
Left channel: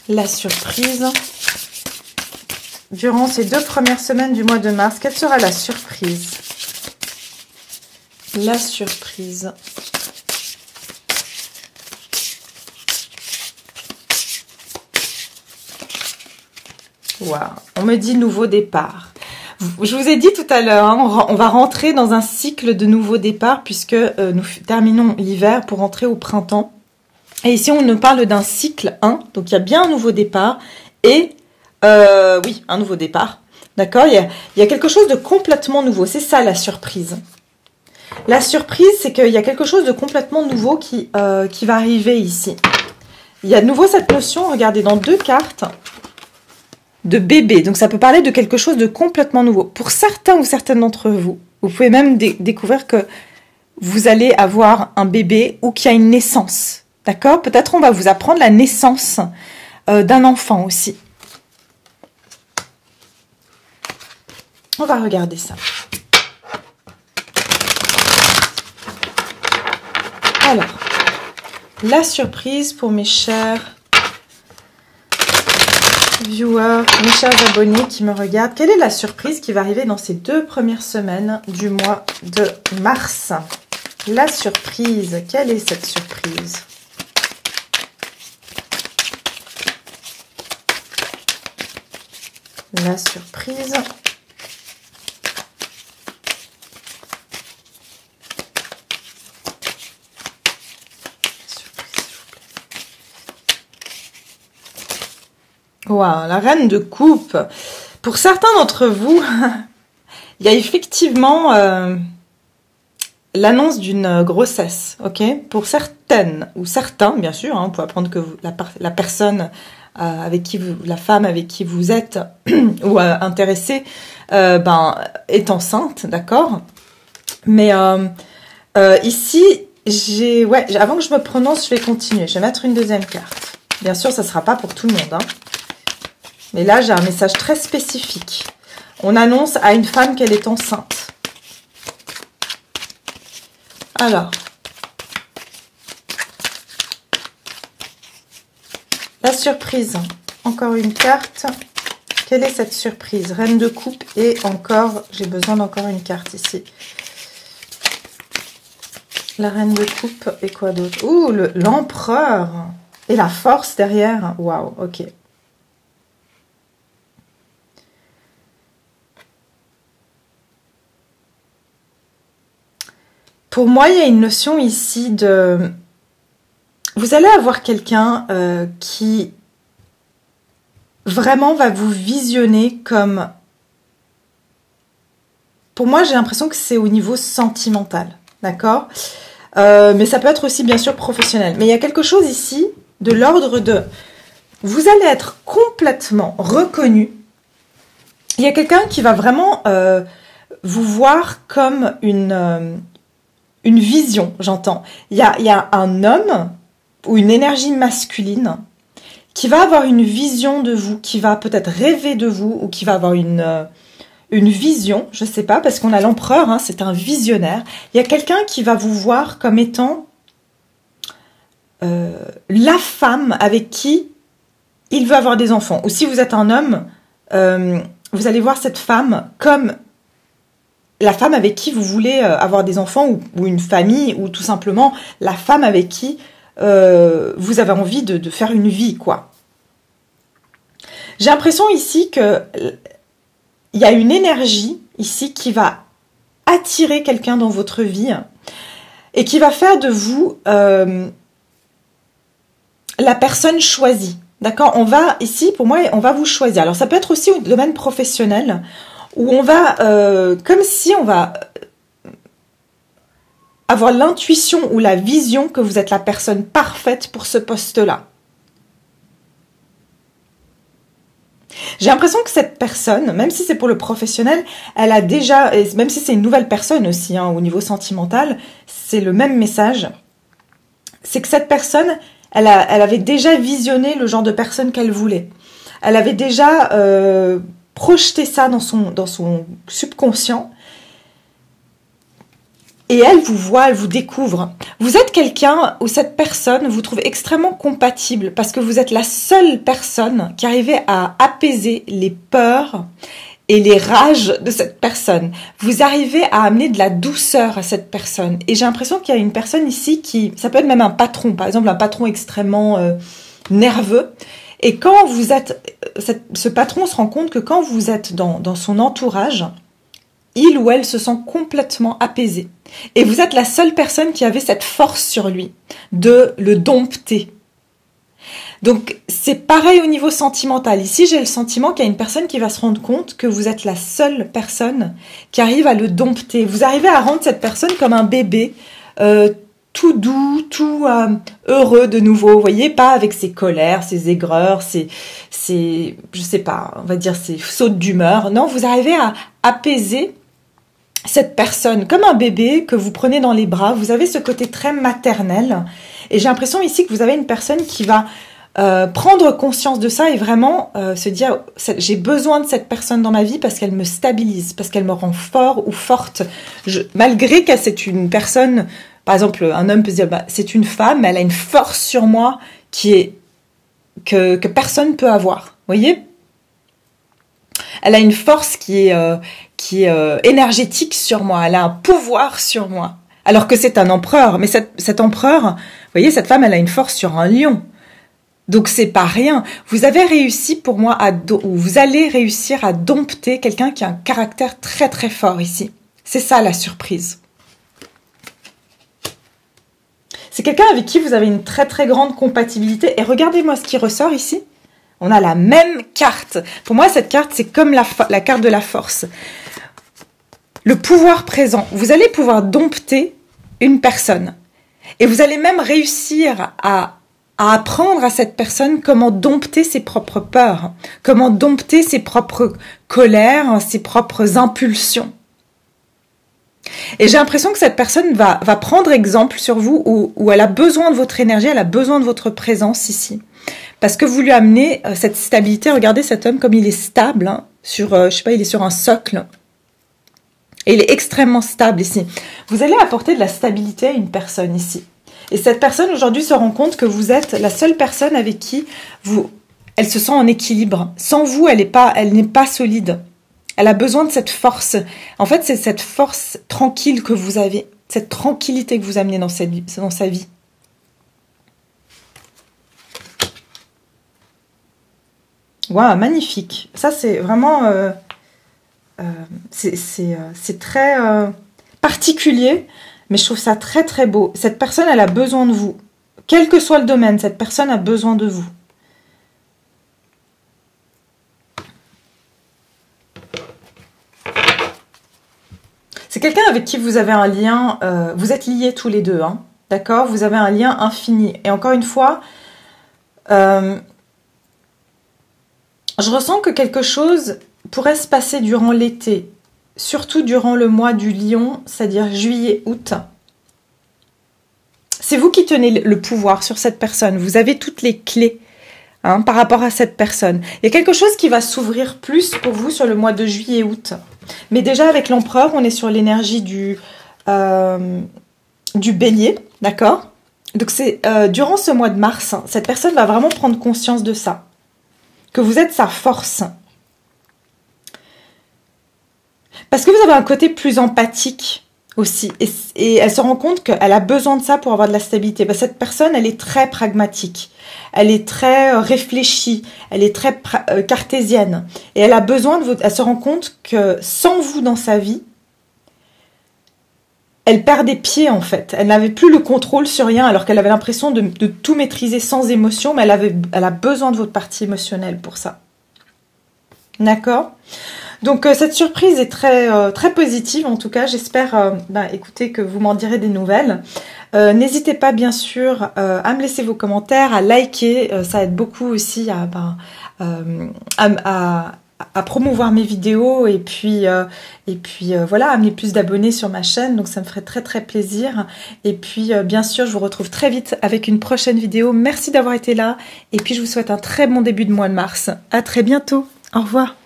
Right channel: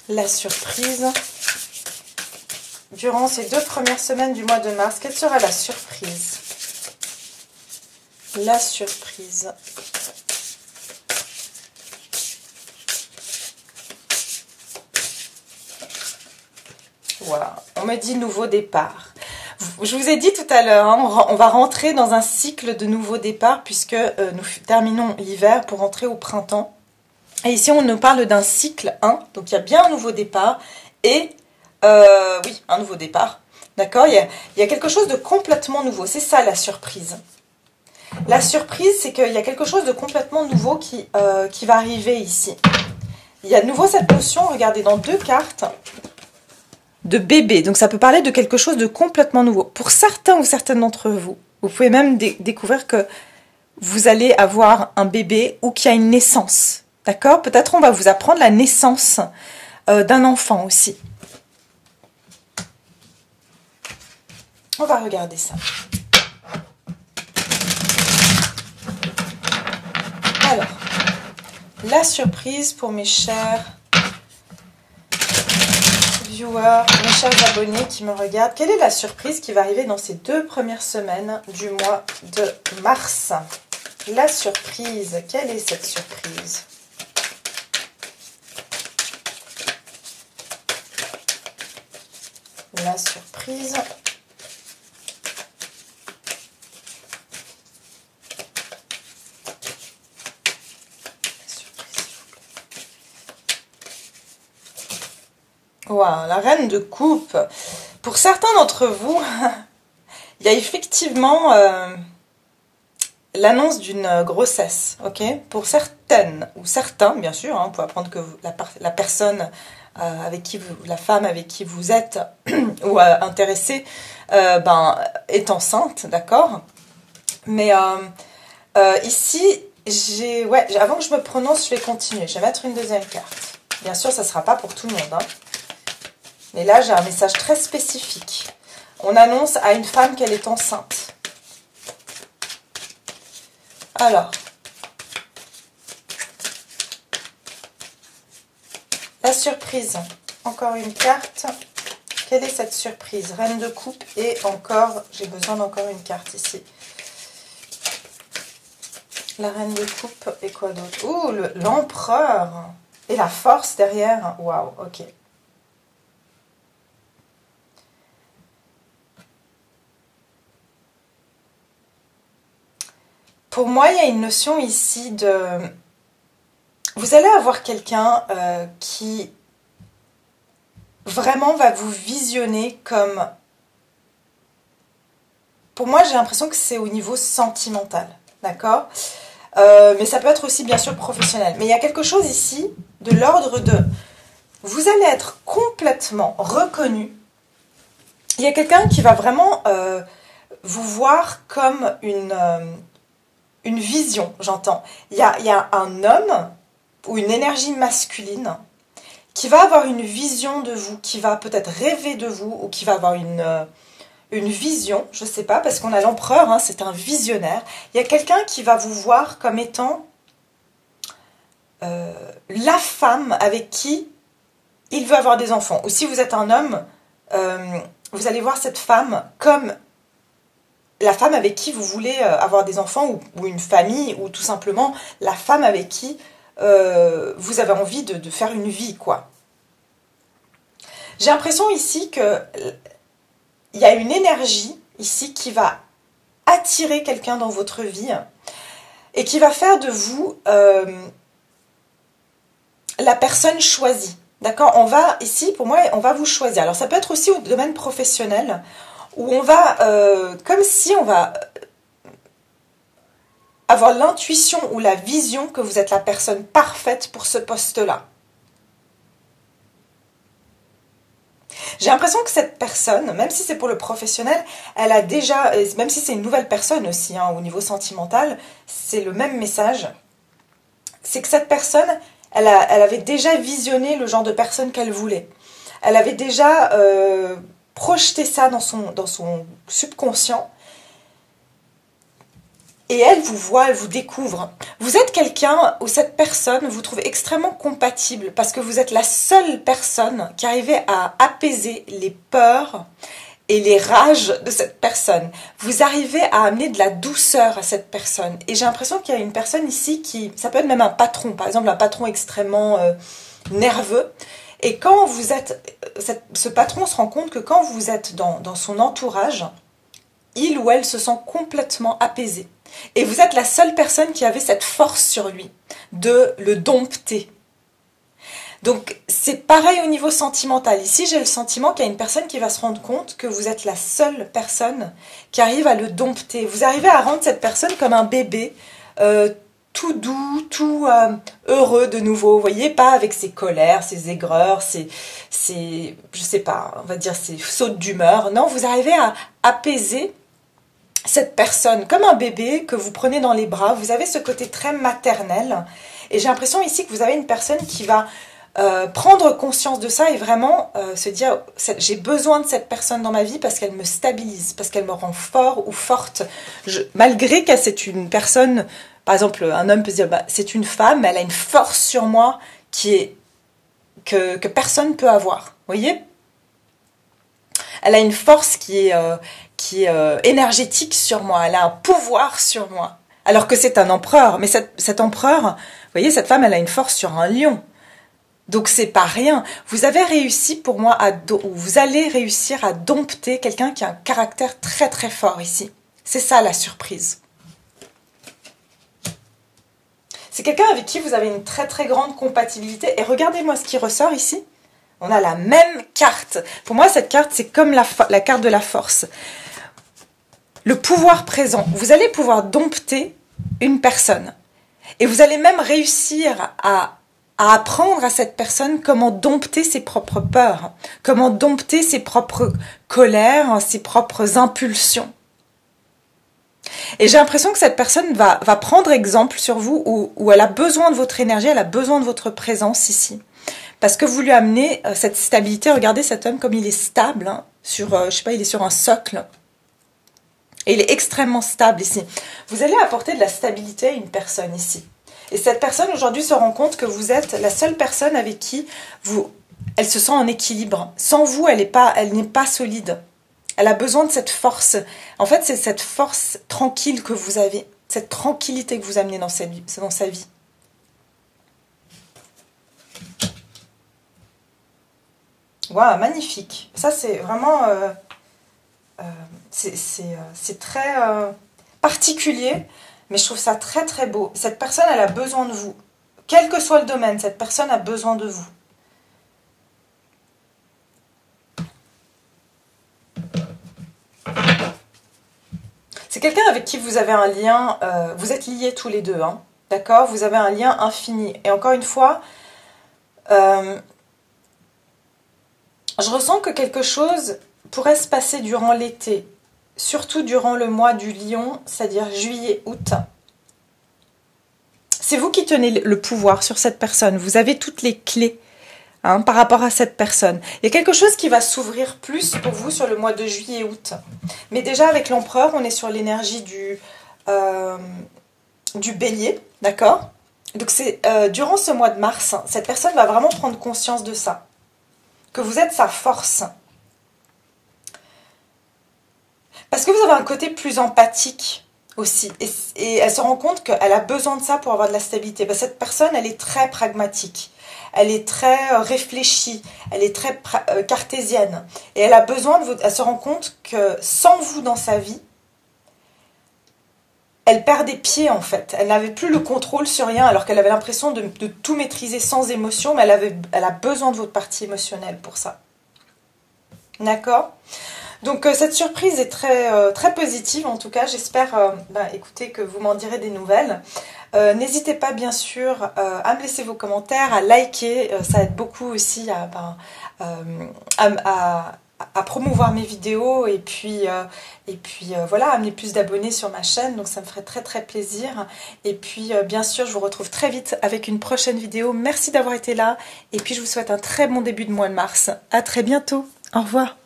La surprise. Durant ces 2 premières semaines du mois de mars, quelle sera la surprise? La surprise. Wow. On me dit nouveau départ. Je vous ai dit tout à l'heure, hein, on va rentrer dans un cycle de nouveau départ puisque nous terminons l'hiver pour rentrer au printemps. Et ici, on nous parle d'un cycle 1. Donc, il y a bien un nouveau départ et, oui, un nouveau départ. D'accord, il y a quelque chose de complètement nouveau. C'est ça la surprise. La surprise, c'est qu'il y a quelque chose de complètement nouveau qui va arriver ici. Il y a de nouveau cette notion, regardez, dans 2 cartes, de bébé. Donc, ça peut parler de quelque chose de complètement nouveau. Pour certains ou certaines d'entre vous, vous pouvez même découvrir que vous allez avoir un bébé ou qu'il y a une naissance. D'accord? Peut-être on va vous apprendre la naissance d'un enfant aussi. On va regarder ça. Alors, la surprise pour mes chers viewers, mes chers abonnés qui me regardent. Quelle est la surprise qui va arriver dans ces 2 premières semaines du mois de mars? La surprise, quelle est cette surprise? La surprise. Waouh, la reine de coupe. Pour certains d'entre vous, il y a effectivement l'annonce d'une grossesse, ok? Pour certaines ou certains, bien sûr, hein, on peut apprendre que la personne avec qui vous, la femme avec qui vous êtes ou intéressé, est enceinte, d'accord? Mais ici, avant que je me prononce, je vais continuer. Je vais mettre une deuxième carte. Bien sûr, ça ne sera pas pour tout le monde, hein. Mais là, j'ai un message très spécifique. On annonce à une femme qu'elle est enceinte. Alors, la surprise. Encore une carte. Quelle est cette surprise? Reine de coupe et encore, j'ai besoin d'encore une carte ici. La reine de coupe et quoi d'autre? Ouh, l'empereur et la force derrière. Waouh, ok. Pour moi, il y a une notion ici de... Vous allez avoir quelqu'un qui vraiment va vous visionner comme... Pour moi, j'ai l'impression que c'est au niveau sentimental, d'accord? Mais ça peut être aussi, bien sûr, professionnel. Mais il y a quelque chose ici de l'ordre de... Vous allez être complètement reconnu. Il y a quelqu'un qui va vraiment vous voir comme une vision, j'entends. Il y a un homme ou une énergie masculine qui va avoir une vision de vous, qui va peut-être rêver de vous ou qui va avoir une vision, je ne sais pas, parce qu'on a l'empereur, hein, c'est un visionnaire. Il y a quelqu'un qui va vous voir comme étant la femme avec qui il veut avoir des enfants. Ou si vous êtes un homme, vous allez voir cette femme comme la femme avec qui vous voulez avoir des enfants ou une famille ou tout simplement la femme avec qui vous avez envie de faire une vie, quoi. J'ai l'impression ici que il y a une énergie ici qui va attirer quelqu'un dans votre vie et qui va faire de vous la personne choisie. D'accord? On va ici, pour moi, on va vous choisir. Alors ça peut être aussi au domaine professionnel où on va, comme si on va avoir l'intuition ou la vision que vous êtes la personne parfaite pour ce poste-là. J'ai l'impression que cette personne, même si c'est pour le professionnel, elle a déjà, même si c'est une nouvelle personne aussi, hein, au niveau sentimental, c'est le même message. C'est que cette personne, elle avait déjà visionné le genre de personne qu'elle voulait. Elle avait déjà projeté ça dans son subconscient. Et elle vous voit, elle vous découvre. Vous êtes quelqu'un où cette personne vous trouve extrêmement compatible parce que vous êtes la seule personne qui arrivait à apaiser les peurs et les rages de cette personne. Vous arrivez à amener de la douceur à cette personne. Et j'ai l'impression qu'il y a une personne ici qui... Ça peut être même un patron, par exemple un patron extrêmement nerveux. Et quand vous êtes... ce patron se rend compte que quand vous êtes dans son entourage, il ou elle se sent complètement apaisé. Et vous êtes la seule personne qui avait cette force sur lui de le dompter. Donc, c'est pareil au niveau sentimental. Ici, j'ai le sentiment qu'il y a une personne qui va se rendre compte que vous êtes la seule personne qui arrive à le dompter. Vous arrivez à rendre cette personne comme un bébé, tout doux, tout heureux de nouveau. Vous voyez, pas avec ses colères, ses aigreurs, ses je sais pas, on va dire ses sautes d'humeur. Non, vous arrivez à apaiser cette personne comme un bébé que vous prenez dans les bras. Vous avez ce côté très maternel. Et j'ai l'impression ici que vous avez une personne qui va prendre conscience de ça et vraiment se dire j'ai besoin de cette personne dans ma vie parce qu'elle me stabilise, parce qu'elle me rend fort ou forte. Malgré que c'est une personne, par exemple un homme peut se dire c'est une femme, mais elle a une force sur moi que personne ne peut avoir. Vous voyez? Elle a une force qui est énergétique sur moi. Elle a un pouvoir sur moi. Alors que c'est un empereur. Mais cet empereur, vous voyez, cette femme, elle a une force sur un lion. Donc c'est pas rien. Vous avez réussi pour moi ou vous allez réussir à dompter quelqu'un qui a un caractère très très fort ici. C'est ça la surprise. C'est quelqu'un avec qui vous avez une très très grande compatibilité. Et regardez-moi ce qui ressort ici. On a la même carte. Pour moi, cette carte, c'est comme la carte de la force. Le pouvoir présent. Vous allez pouvoir dompter une personne. Et vous allez même réussir à apprendre à cette personne comment dompter ses propres peurs, comment dompter ses propres colères, ses propres impulsions. Et j'ai l'impression que cette personne va prendre exemple sur vous où elle a besoin de votre énergie, elle a besoin de votre présence ici. Parce que vous lui amenez cette stabilité. Regardez cet homme comme il est stable, hein, je sais pas, il est sur un socle. Et il est extrêmement stable ici. Vous allez apporter de la stabilité à une personne ici. Et cette personne aujourd'hui se rend compte que vous êtes la seule personne avec qui elle se sent en équilibre. Sans vous, elle n'est pas solide. Elle a besoin de cette force. En fait, c'est cette force tranquille que vous avez, cette tranquillité que vous amenez dans sa vie. Waouh, magnifique. Ça, c'est vraiment... c'est très particulier, mais je trouve ça très très beau. Cette personne, elle a besoin de vous. Quel que soit le domaine, cette personne a besoin de vous. C'est quelqu'un avec qui vous avez un lien, vous êtes liés tous les deux, hein, d'accord? Vous avez un lien infini. Et encore une fois, je ressens que quelque chose pourrait se passer durant l'été, surtout durant le mois du lion, c'est-à-dire juillet, août. C'est vous qui tenez le pouvoir sur cette personne. Vous avez toutes les clés hein, par rapport à cette personne. Il y a quelque chose qui va s'ouvrir plus pour vous sur le mois de juillet, août. Mais déjà avec l'empereur, on est sur l'énergie du bélier, d'accord? Donc c'est durant ce mois de mars, cette personne va vraiment prendre conscience de ça. Que vous êtes sa force. Parce que vous avez un côté plus empathique aussi. Et elle se rend compte qu'elle a besoin de ça pour avoir de la stabilité. Parce que cette personne, elle est très pragmatique. Elle est très réfléchie. Elle est très cartésienne. Et elle a besoin de elle se rend compte que sans vous dans sa vie, elle perd des pieds en fait. Elle n'avait plus le contrôle sur rien alors qu'elle avait l'impression de tout maîtriser sans émotion. Mais elle a besoin de votre partie émotionnelle pour ça. D'accord ? Donc cette surprise est très, très positive en tout cas. J'espère écoutez, que vous m'en direz des nouvelles. N'hésitez pas bien sûr à me laisser vos commentaires, à liker. Ça aide beaucoup aussi à promouvoir mes vidéos et puis voilà, amener plus d'abonnés sur ma chaîne. Donc ça me ferait très très plaisir. Et puis bien sûr, je vous retrouve très vite avec une prochaine vidéo. Merci d'avoir été là. Et puis je vous souhaite un très bon début de mois de mars. À très bientôt. Au revoir.